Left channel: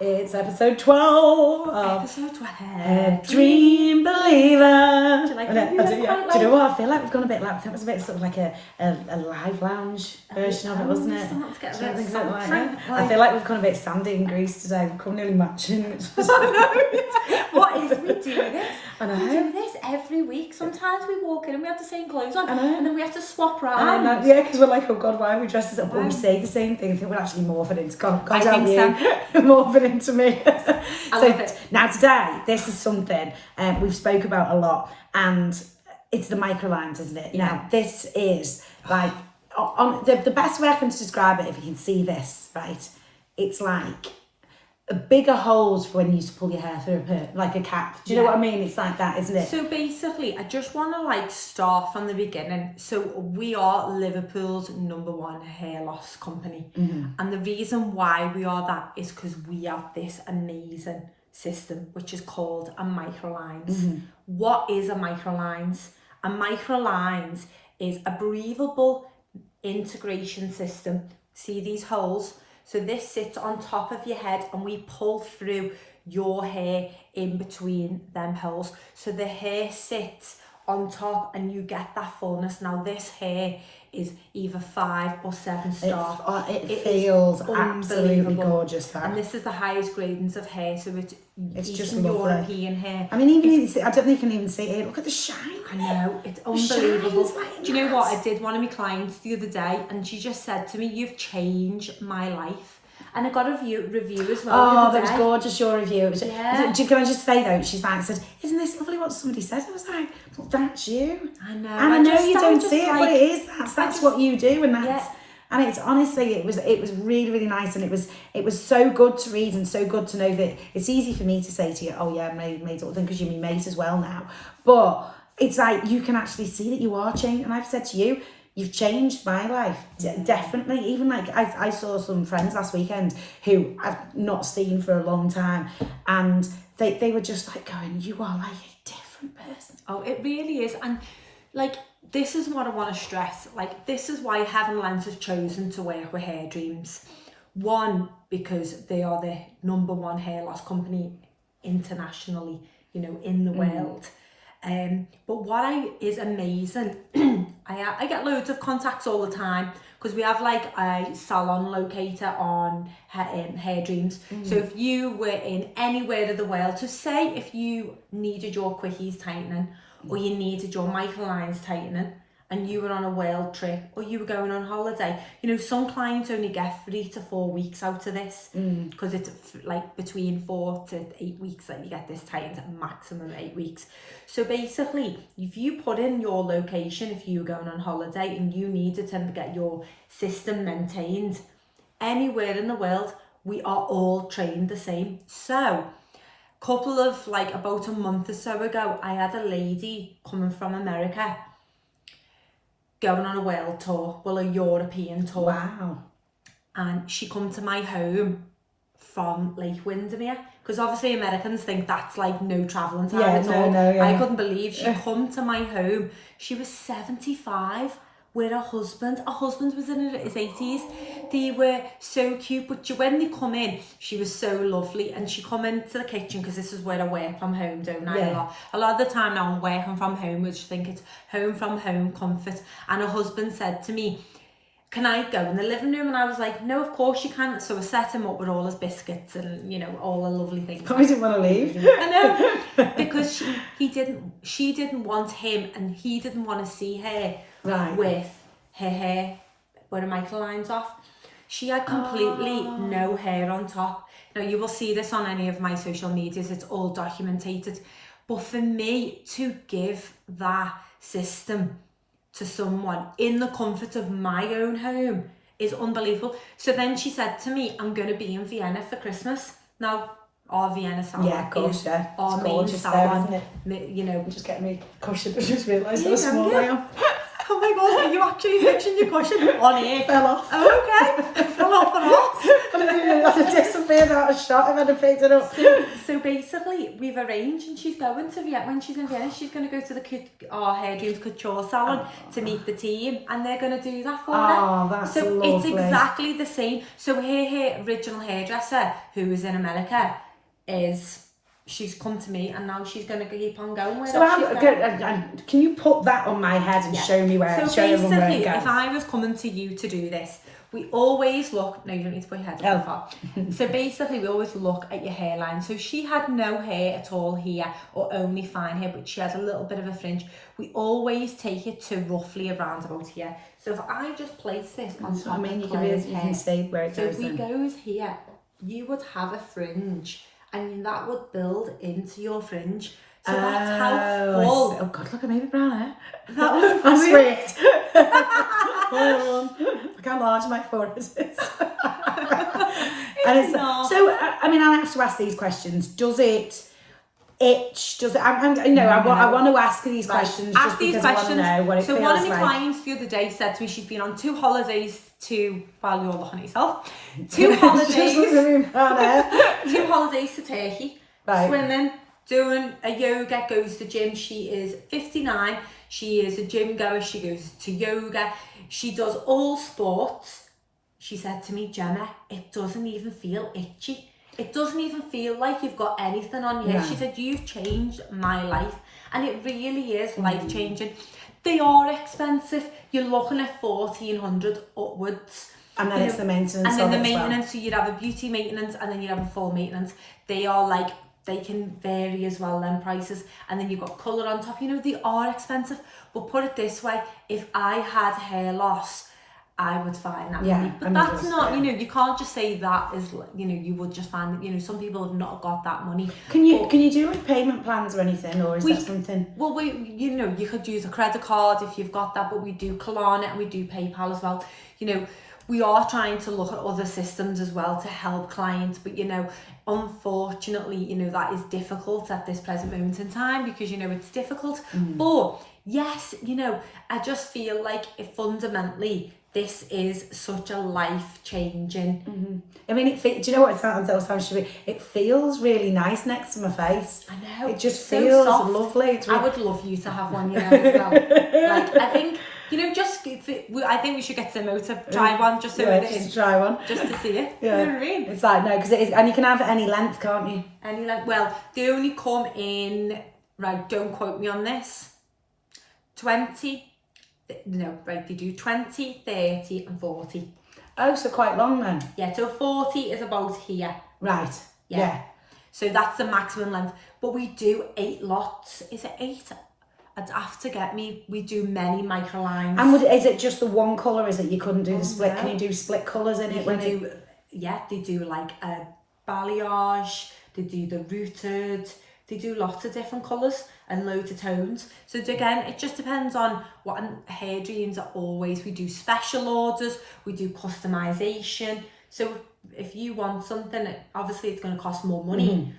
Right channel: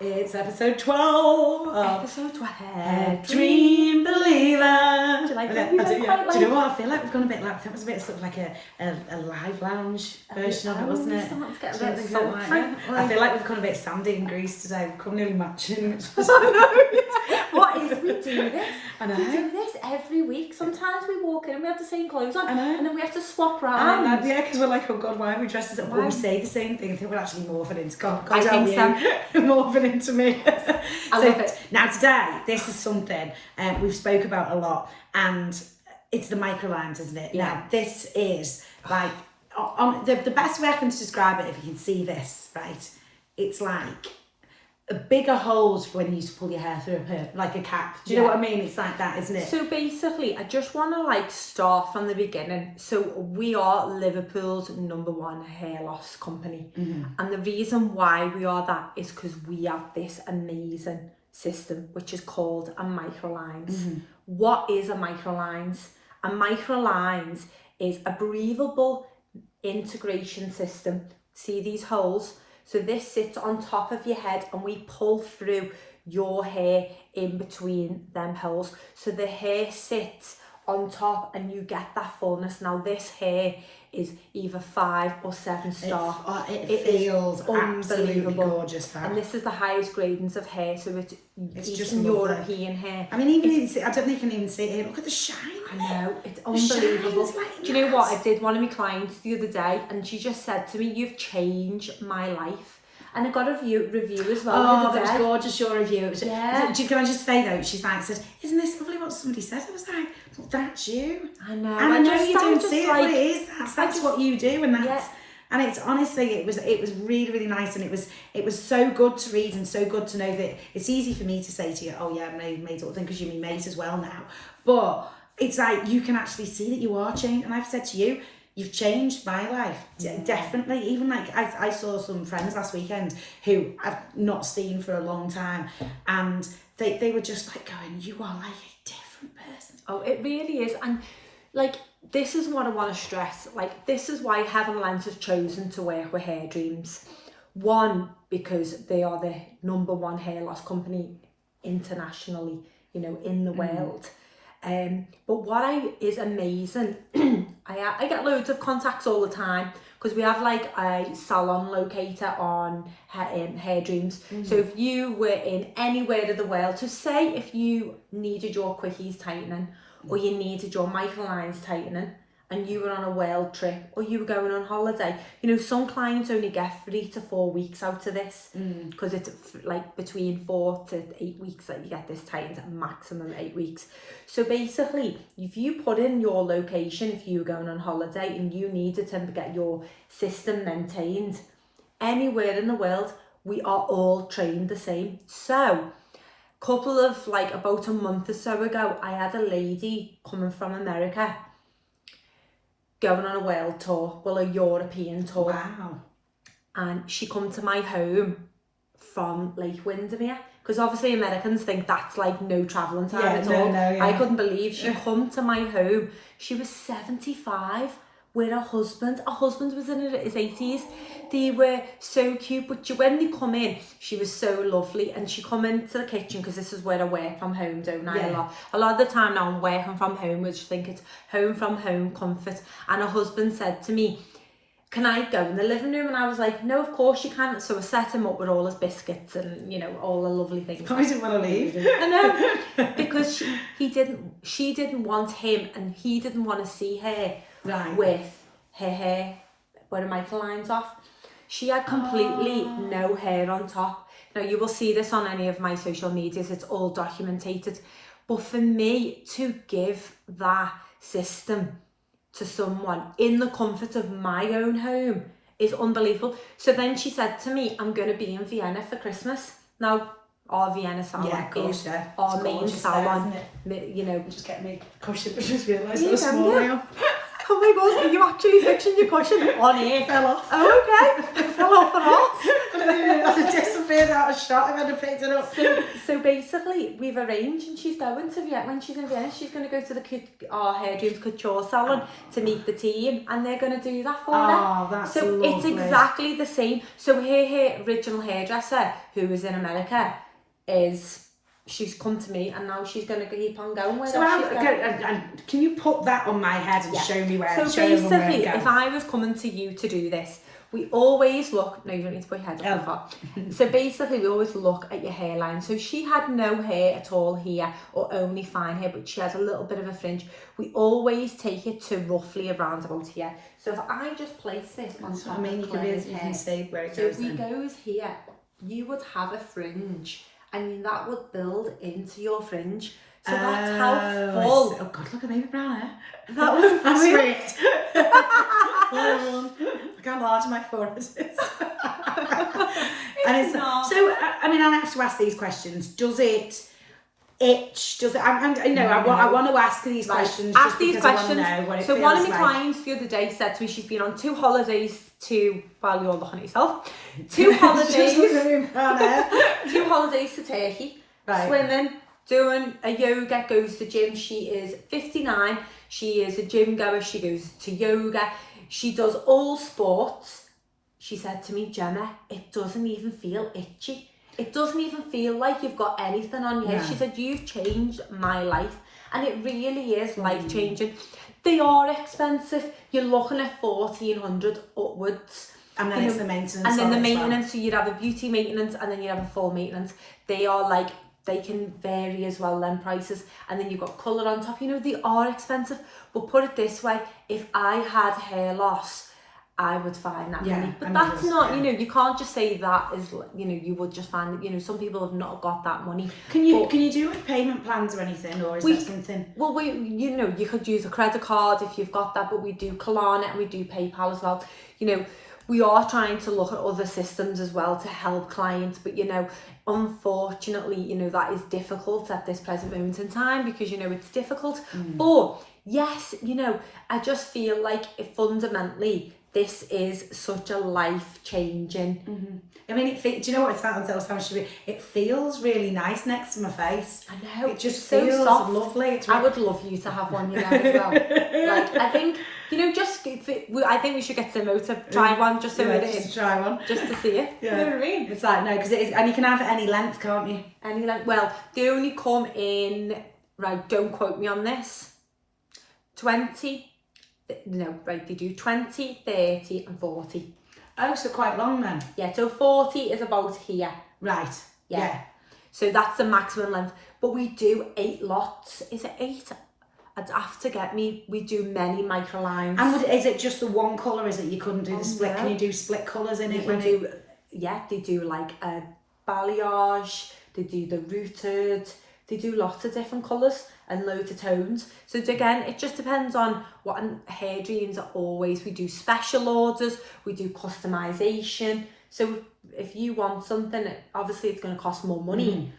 It's episode 12 of Episode 12. Hairdream Believer. Do you like that? Do you know what? I feel like we've gone a bit like, that was a bit sort of like a live lounge version of it, wasn't it? Starting to get a bit sultry. I feel like we've gone a bit sandy in Greece today. We've come nearly matching. What is we do this? I know. We do this every week. Sometimes we walk in and we have the same clothes on. I know. And then we have to swap round. I know, yeah, because we're like, oh God, why are we dressed as up? But we say the same thing. I think we're actually morphing into God. I think so. Morphing into me. I love it. Now today, this is something we've spoke about a lot, and it's the MicroLines, isn't it? Yeah. Now this is like on the best way I can describe it. If you can see this, right? It's like bigger holes for when you used to pull your hair through like a cap. Do you know what I mean? It's like that, isn't it? So basically, I just want to start from the beginning. So we are Liverpool's #1 hair loss company. And the reason why we are that is because we have this amazing system, which is called a MicroLines. What is a MicroLines? A MicroLines is a breathable integration system. See these holes? So this sits on top of your head and we pull through your hair in between them holes. So the hair sits on top and you get that fullness. Now this hair is either 5 or 7 star. It feels absolutely gorgeous. That. And this is the highest gradings of hair. So it's just lovely. European hair. I mean, I don't think you can even see it. Look at the shine. I know, it's unbelievable. Like do you know what? I did one of my clients the other day and she just said to me, "You've changed my life." And I got a review as well. Oh, that was gorgeous, your review. It was, yeah. Can I just say though, she's like, said, "Isn't this lovely what somebody said?" I was like, "Well, that's you." I know. And I know you don't just see it, but it is. That's what you do, and that's. Yeah. And it's honestly, it was really, really nice, and it was so good to read and so good to know that it's easy for me to say to you, "Oh yeah, mate, sort of thing," because you're my mate as well now. But it's like you can actually see that you are changed, and I've said to you, you've changed my life, definitely. Even like I saw some friends last weekend who I've not seen for a long time, and they were just like going, "You are like a different person." Oh, it really is. And this is what I want to stress. This is why Heaven Lens has chosen to work with Hairdreams. One, because they are the #1 hair loss company internationally, in the world. But what is amazing, I get loads of contacts all the time because we have a salon locator on Hairdreams. So if you were in anywhere of the world, to say if you needed your quickies tightening or you needed your MicroLines tightening and you were on a world trip or you were going on holiday, some clients only get 3 to 4 weeks out of this because it's between 4 to 8 weeks that you get this tightened, maximum 8 weeks. So basically, if you put in your location, if you were going on holiday and you needed to get your system maintained anywhere in the world, we are all trained the same. So couple of about a month or so ago, I had a lady coming from America going on a world tour, a European tour. Wow. And she come to my home from Lake Windermere, because obviously Americans think that's no travelling time at all. No, I couldn't believe she come to my home. She was 75 with her husband. Her husband was in his 80s. They were so cute, but when they come in, she was so lovely. And she come into the kitchen, because this is where I work from home, don't I? Yeah. A lot of the time now I'm working from home, which I think it's home from home comfort. And her husband said to me, "Can I go in the living room?" And I was like, "No, of course you can." So I set him up with all his biscuits and, all the lovely things. I didn't want to leave. I know, because she didn't want him, and he didn't want to see her with her hair, with her MicroLines off. She had completely no hair on top. Now, you will see this on any of my social medias. It's all documented. But for me to give that system to someone in the comfort of my own home is unbelievable. So then she said to me, "I'm going to be in Vienna for Christmas." Now, our Vienna salon is our main salon. Just get me cushion. I just realised how how small I am. Oh my God, are you actually fixing your cushion on here? Fell off. Oh, okay. It fell off the horse. And I didn't know how to been out of shot if I'd have picked it up. So basically, we've arranged, and she's going to Vienna. When she's in Vienna, she's going to go to our Hairdreams couture salon to meet the team, and they're going to do that for her. Oh, that's so lovely. It's exactly the same. So her original hairdresser, who was in America, she's come to me, and now she's going to keep on going with it. Can you put that on my head and show me where? So basically, if I was coming to you to do this, we always look. No, you don't need to put your head up far. So basically, we always look at your hairline. So she had no hair at all here, or only fine hair, but she has a little bit of a fringe. We always take it to roughly around about here. So if I just place this on top of Claire's hair, you can see where it goes. So if it goes here, you would have a fringe, and that would build into your fringe. So that's how full. Oh God, look at me brown hair. That was brilliant. Look how large my forehead is. It's not. So, I mean, I have to ask these questions. Does it itch? Does it? I want to ask these questions. Ask just these because questions. I want to know what it So feels one of my like. clients the other day said to me she's been on 2 holidays while you're looking at yourself. 2 holidays. 2 holidays to Turkey. Right. Swimming, doing a yoga, goes to gym. She is 59. She is a gym goer. She goes to yoga. She does all sports. She said to me, Jemma, it doesn't even feel itchy. It doesn't even feel like you've got anything on your head. She said, you've changed my life. And it really is life-changing. They are expensive. You're looking at $1,400 upwards. And then it's the maintenance. And then the maintenance. maintenance, so you'd have a beauty maintenance and then you'd have a full maintenance. They are like, they can vary as well, them prices. And then you've got colour on top. They are expensive. But put it this way, if I had hair loss, I would find that money. But that's not, you can't just say that is, you would just find that, some people have not got that money. Can you do like payment plans or anything, or is that something? Well, you could use a credit card if you've got that, but we do Klarna and we do PayPal as well. We are trying to look at other systems as well to help clients, but unfortunately, that is difficult at this present moment in time because it's difficult. But yes, I just feel like fundamentally this is such a life-changing. I mean, do you know what it sounds? It feels really nice next to my face. I know. It just so feels soft. lovely. I would love you to have one, as well. I think. I think we should get Simmo to try one just so just try one. Just to see it. Yeah. You know what I mean? It's like, no, because it is, and you can have any length, can't you? Any length. Well, they only come in, right, don't quote me on this, 20, no, right, they do 20, 30 and 40. Oh, so quite long then. Yeah, so 40 is about here. Right, yeah. So that's the maximum length. But we do 8 lots. Is it 8? I'd have to get me. We do many microlines. And is it just the one colour? Is it you couldn't do the split? No. Can you do split colours in it? They do like a balayage. They do the rooted. They do lots of different colours and loads of tones. So again, it just depends on what Hairdreams are always. We do special orders. We do customization. So if you want something, obviously it's going to cost more money,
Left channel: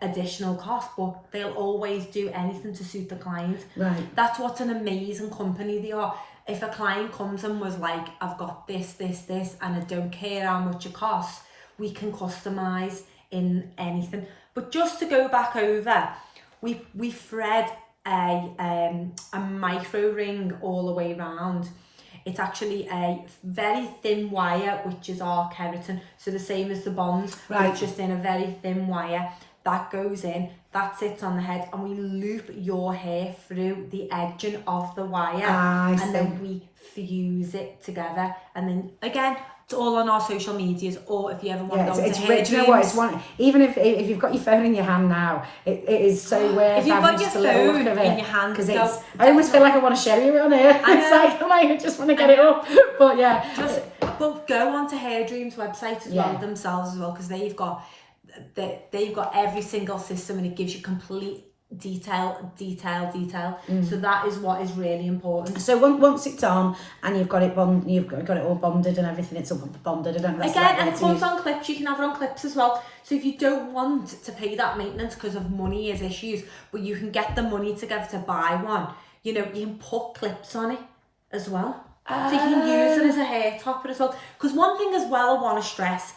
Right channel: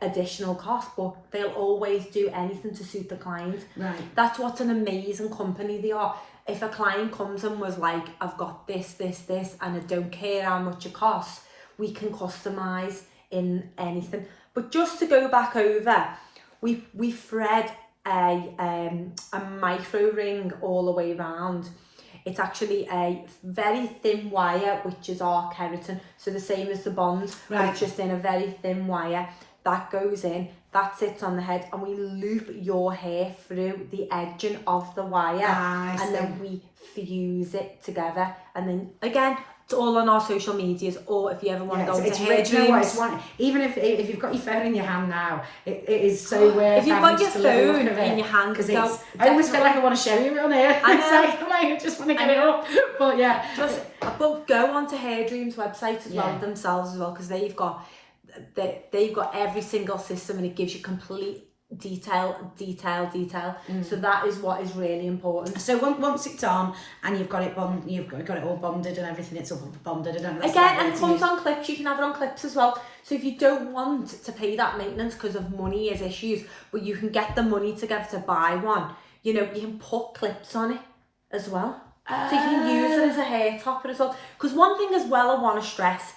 additional cost, but they'll always do anything to suit the client. Right. That's what's an amazing company they are. If a client comes and was like, I've got this, and I don't care how much it costs, we can customise in anything. But just to go back over, we thread a micro ring all the way around. It's actually a very thin wire, which is our keratin. So the same as the bonds, but it's just in a very thin wire. That goes in, that sits on the head, and we loop your hair through the edging of the wire. Then we fuse it together. And then, again, it's all on our social medias, or if you ever want to go to Hairdreams. Do you know what? Even if you've got your phone in your hand now, it is so worth if you've got your phone in your hand, because I almost feel like I want to show you it on here. I just want to get it up. But yeah, but go on to Hairdreams website as well themselves as well, because they've got every single system and it gives you complete detail. So that is what is really important. So once it's on and you've got it you've got it all bonded and everything, it's all bonded. Again, and it comes on clips. You can have it on clips as well. So if you don't want to pay that maintenance because of money is issues, but you can get the money together to buy one, you can put clips on it as well. So you can use it as a hair topper as well. Because one thing as well I want to stress,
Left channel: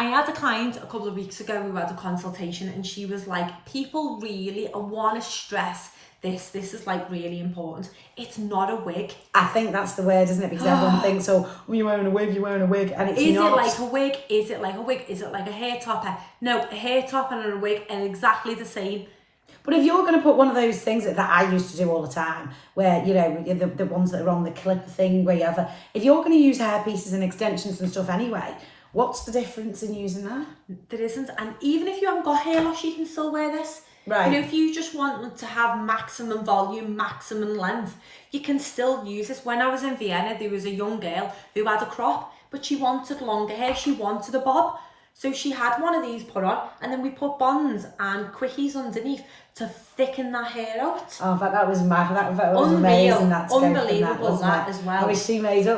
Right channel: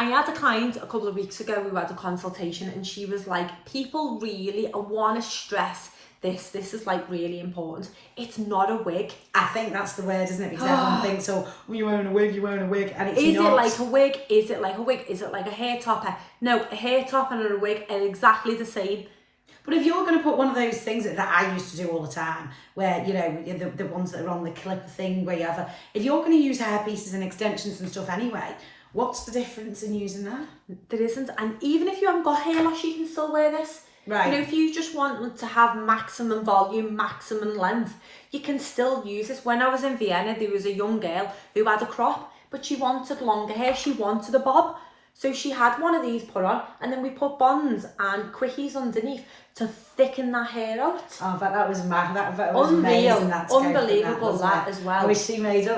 I had a client a couple of weeks ago who had a consultation, and she was like, people really, I want to stress this is like really important. It's not a wig. I think that's the word, isn't it? Because everyone thinks, oh, when you're wearing a wig, you're wearing a wig, and it's Is not. it like a wig? Is it like a wig? Is it like a hair topper? No, a hair topper and a wig are exactly the same. But if you're going to put one of those things that I used to do all the time, where, you know, the ones that are on the clip thing, where you have if you're going to use hair pieces and extensions and stuff anyway, what's the difference in using that? There isn't. And even if you haven't got hair loss, you can still wear this. Right. You know, if you just want to have maximum volume, maximum length, you can still use this. When I was in Vienna, there was a young girl who had a crop, but she wanted longer hair. She wanted a bob. So she had one of these put on, and then we put bonds and quickies underneath to thicken that hair out. Oh, but that was mad. That was Unreal. amazing. That Unbelievable, that as well. I wish she made it.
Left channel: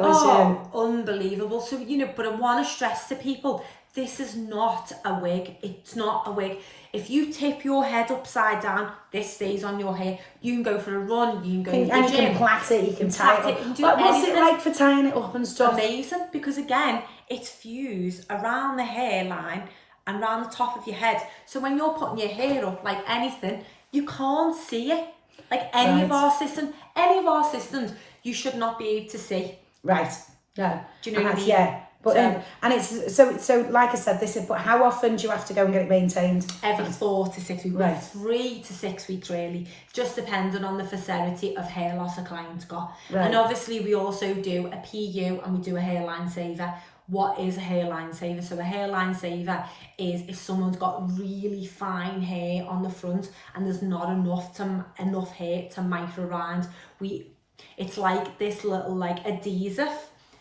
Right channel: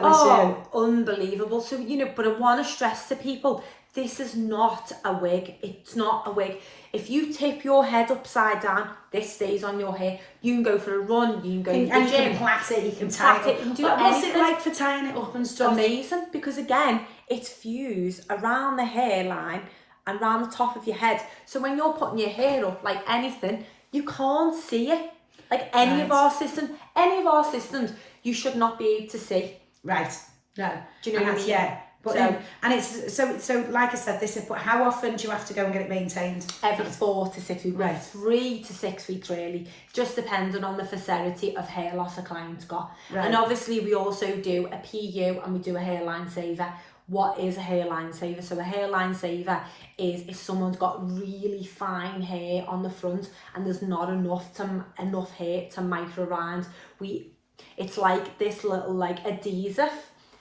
Unbelievable. So, you know, but I want to stress to people, this is not a wig. It's not a wig. If you tip your head upside down, this stays on your hair. You can go for a run, you can go to the gym. You can plait it, you can tie it up. You can do What's anything. it like for tying it up and stuff? Amazing, because again, it's fused around the hairline and around the top of your head. So when you're putting your hair up, like anything, you can't see it. Like any of our systems, you should not be able to see. Right. No. Do you know what I mean? Yeah. But and it's so like I said, this is. But how often do you have to go and get it maintained? Every 4 to 6 weeks, right. 3 to 6 weeks really, just depending on the severity of hair loss a client's got. Right. And obviously we also do a PU and we do a hairline saver. What is a hairline saver? So a hairline saver is if someone's got really fine hair on the front and there's not enough hair to MicroLines. It's like this little like adhesive,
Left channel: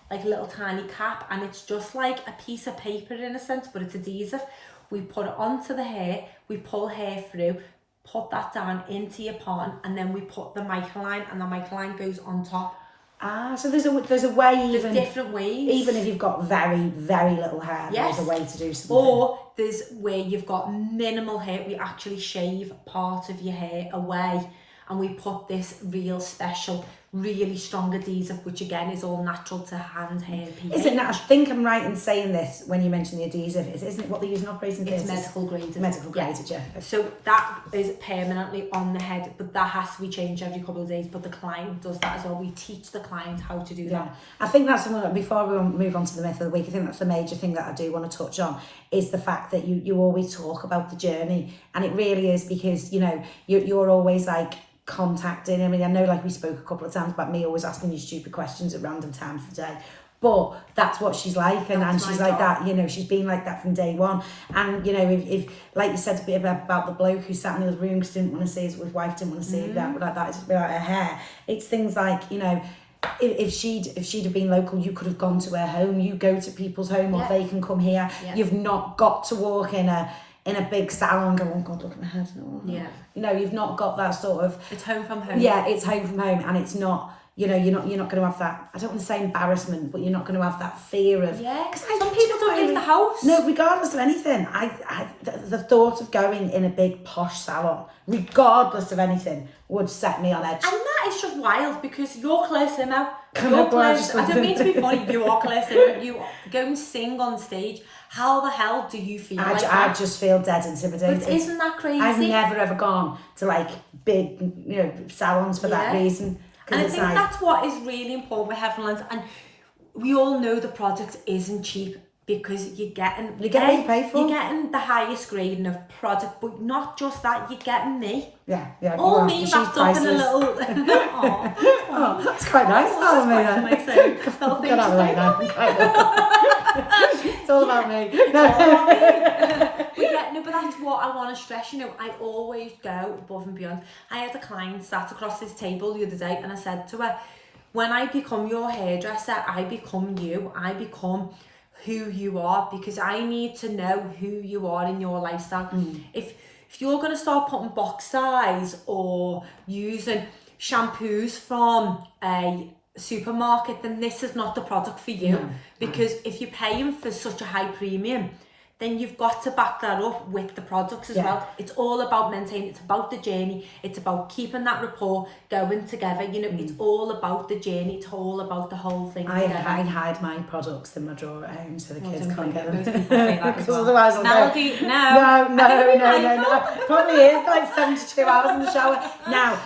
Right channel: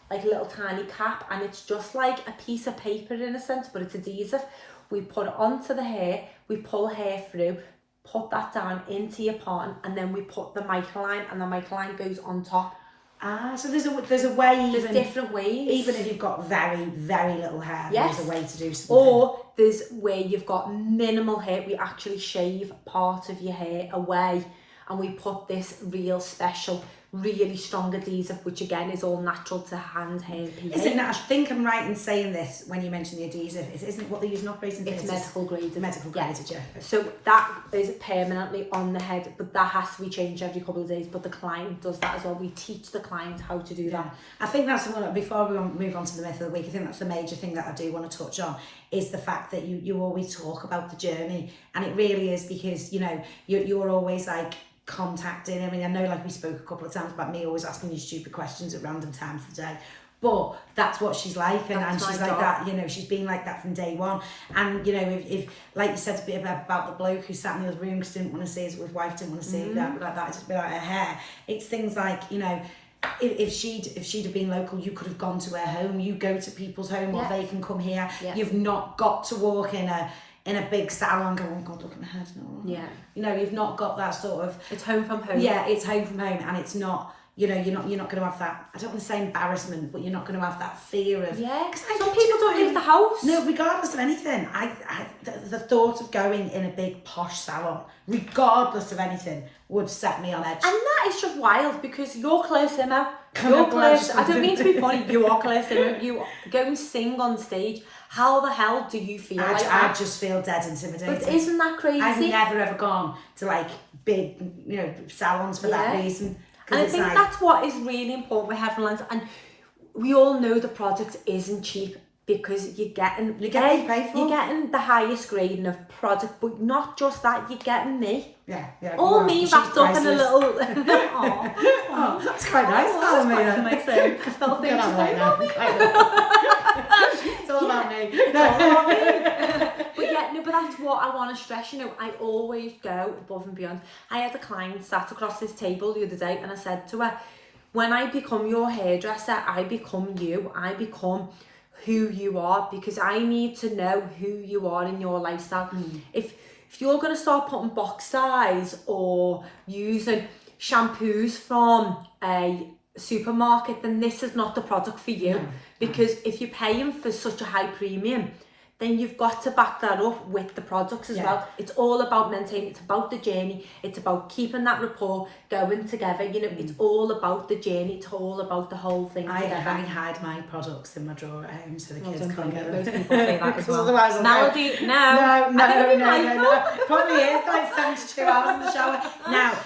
like a little tiny cap, and it's just like a piece of paper in a sense, but it's adhesive. We put it onto the hair, we pull hair through, put that down into your part, and then we put the MicroLine, and the MicroLine goes on top. Ah, so there's a way. There's different ways. Even if you've got very, very little hair, yes. There's a way to do something. Or there's where you've got minimal hair, we actually shave part of your hair away, and we put this real special, really strong adhesive, which again is all natural to hand hair pH. Is it not? I think I'm right in saying this when you mention the adhesive. Isn't it what they use in operating theatres? It's medical graded. Medical graded, yeah. So that is permanently on the head, but that has to be changed every couple of days. But the client does that as well. We teach the client how to do that. I think that's the one, before we move on to the myth of the week, I think that's the major thing that I do want to touch on, is the fact that you always talk about the journey. And it really is, because, you know, you're always like, contacting. I mean, I know, like, we spoke a couple of times about me always asking you stupid questions at random times of the day, but that's what she's like, and she's like that, you know, she's been like that from day one. And, you know, if like you said a bit about the bloke who sat in the other room because didn't want to see his wife, didn't want to see that it's about her hair. It's things like, you know, if she'd have been local, you could have gone to her home. You go to people's home, or they can come here. You've not got to walk in a big salon and go, oh God, look at my head. No. Yeah. You know, you've not got that sort of... It's home from home. Yeah, it's home from home, and it's not, you know, you're not going to have that, I don't want to say embarrassment, but you're not going to have that fear of... Yeah, because some people don't leave the house. No, regardless of anything. The thought of going in a big posh salon, regardless of anything, would set me on edge. And that is just wild, because you're Claire Simmo. I don't mean to be funny, you are Claire Simmo. You go and sing on stage. How the hell do you feel like that? I just feel dead intimidated. But isn't that crazy? I've never ever gone to like big, you know, salons for that reason. And I think that's what is really important with HeavenLines. And we all know the product isn't cheap, because you're getting what you pay for. You're getting the highest grading of product, but not just that, you're getting me. Yeah. All me wrapped up in a little... Oh, that's quite nice. That's quite nice. Little thing to say. It's all about me. But that's what I want to stress. You know, I always go above and beyond. I had a client sat across this table the other day, and I said to her, when I become your hairdresser, I become you. I become who you are, because I need to know who you are in your lifestyle. If you're going to start putting box size or using shampoos from a supermarket, then this is not the product for you. Because if you're paying for such a high premium, then you've got to back that up with the products as well. It's all about maintaining, it's about the journey, it's about keeping that rapport going together. You know, it's all about the journey, it's all about the whole thing together. I hide my products in my drawer at home so the kids can't get them. Most people say that as well. Otherwise I'll Melody, no. Probably is like 72 hours in the shower. Now,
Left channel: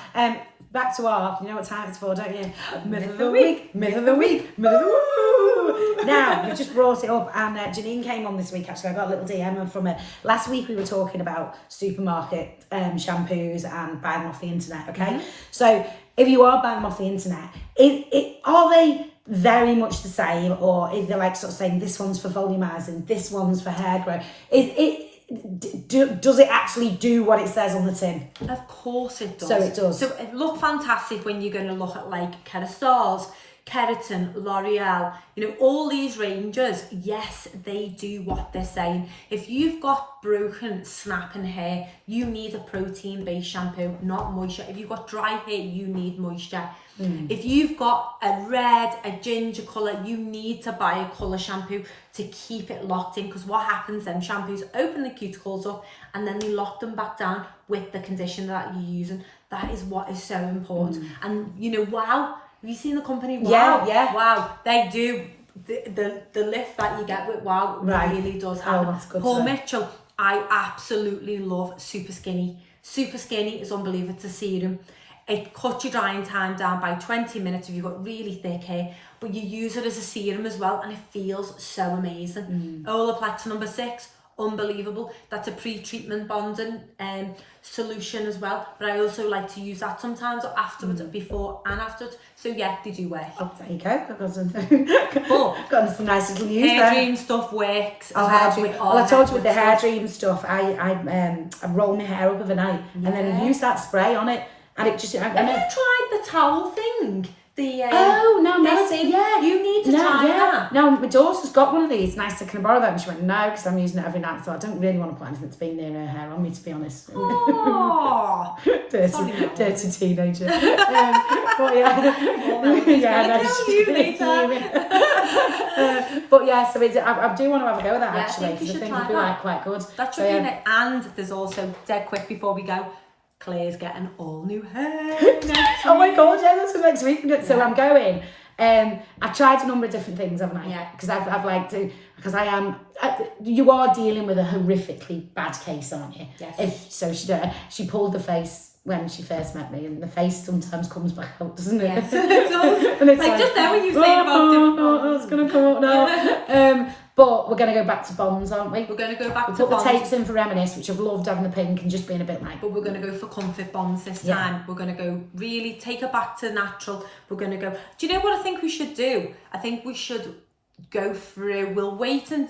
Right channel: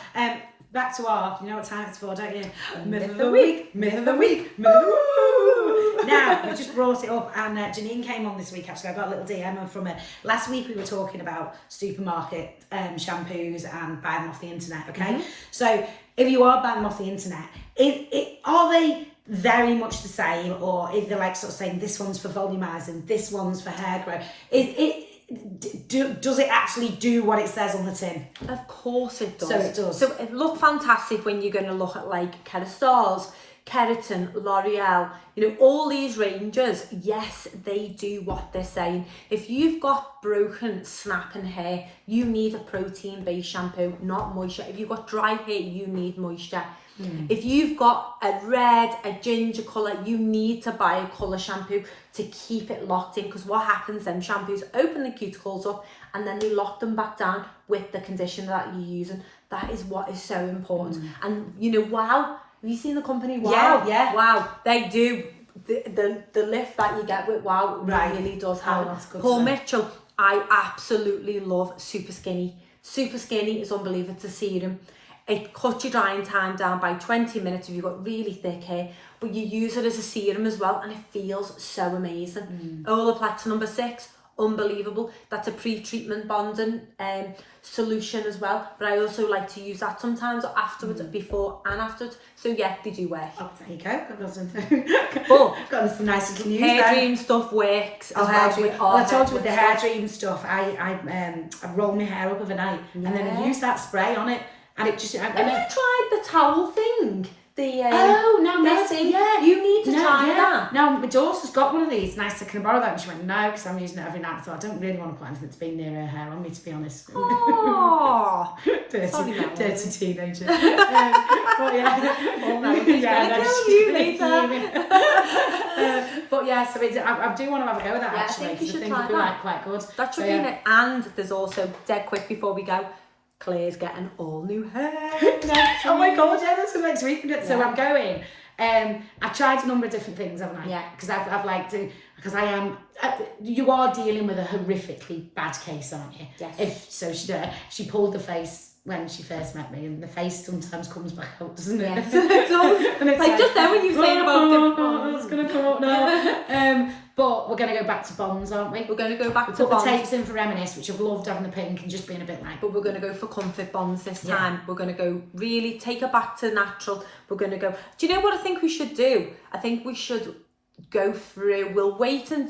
back to our, you know what time it's for, don't you? Myth of the week, myth of the week, myth of the week. Now, we just brought it up, and Janine came on this week, actually. I got a little DM from her. Last week we were talking about supermarket shampoos and buying them off the internet, okay? So if you are buying them off the internet, are they very much the same, or if they're like sort of saying this one's for volumizing, this one's for hair growth? Does it actually do what it says on the tin? Of course it does. So it does. So it look fantastic when you're going to look at like Kerastars, Keratin, L'Oreal, you know, all these ranges, yes, they do what they're saying. If you've got broken, snapping hair, you need a protein-based shampoo, not moisture. If you've got dry hair, you need moisture. If you've got a red, a ginger colour, you need to buy a colour shampoo to keep it locked in, because what happens then, shampoos open the cuticles up and then they lock them back down with the conditioner that you're using. That is what is so important. And you know, wow, have you seen the company? Wow, wow, they do. The lift that you get with Wow really does happen. That's good. Paul Mitchell, I absolutely love Super Skinny. Super Skinny is unbelievable to serum. It cuts your drying time down by 20 minutes if you've got really thick hair, but you use it as a serum as well, and it feels so amazing. Olaplex number 6, unbelievable. That's a pre-treatment bonding solution as well, but I also like to use that sometimes afterwards, before and afterwards. So yeah, they do work. Oh, there you go. I've got something. But got some nice little news. Hairdream stuff works as well. Well, I told you with the Hairdream stuff, I roll my hair up overnight and then I use that spray on it. And it just, Have you tried the towel thing? No, yeah. You need to try that. No, my daughter's got one of these. Nice, can I borrow that? And she went, no, because I'm using it every night. I thought, I don't really want to put anything that's been near her hair on me, to be honest. Oh, dirty teenager. But yeah, you later. But yeah, so I do want to have a go with that, Yeah, actually. I think you should it'd try be that. quite good. That should be it. And there's also, dead quick before we go, Claire's getting all new hair next Oh my god, yeah, that's for next week. So I'm going. I've tried a number of different things, haven't I? Yeah. Because I've liked to, because I am, you are dealing with a horrifically bad case, aren't you? Yes. She pulled the face when she first met me, and the face sometimes comes back out, doesn't it? Yes, it does. And it's like just then when you were saying about different I was going to talk now. But we're going to go back to bonds, aren't we? We're going to go back to put bonds. the tapes in for Reminisce, which I've loved having the pink and just being a bit like. But we're going to go for comfort bonds this time. We're going to go really take it back to natural. We're going to go. Do you know what I think we should do? I think we should go through. We'll wait and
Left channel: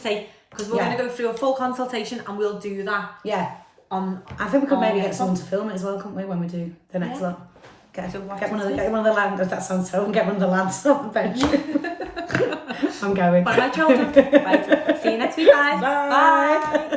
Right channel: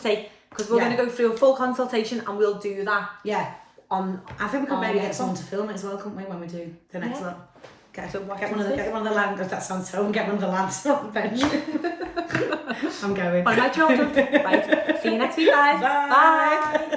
see, because we're going to go through a full consultation and we'll do that. Yeah. I think we could maybe get someone to film it as well, couldn't we, when we do the next one? Get one of the land. That sounds so. Get one of the lads on the bench. I'm going. One of my children. Right. See you next week, guys. Bye. Bye.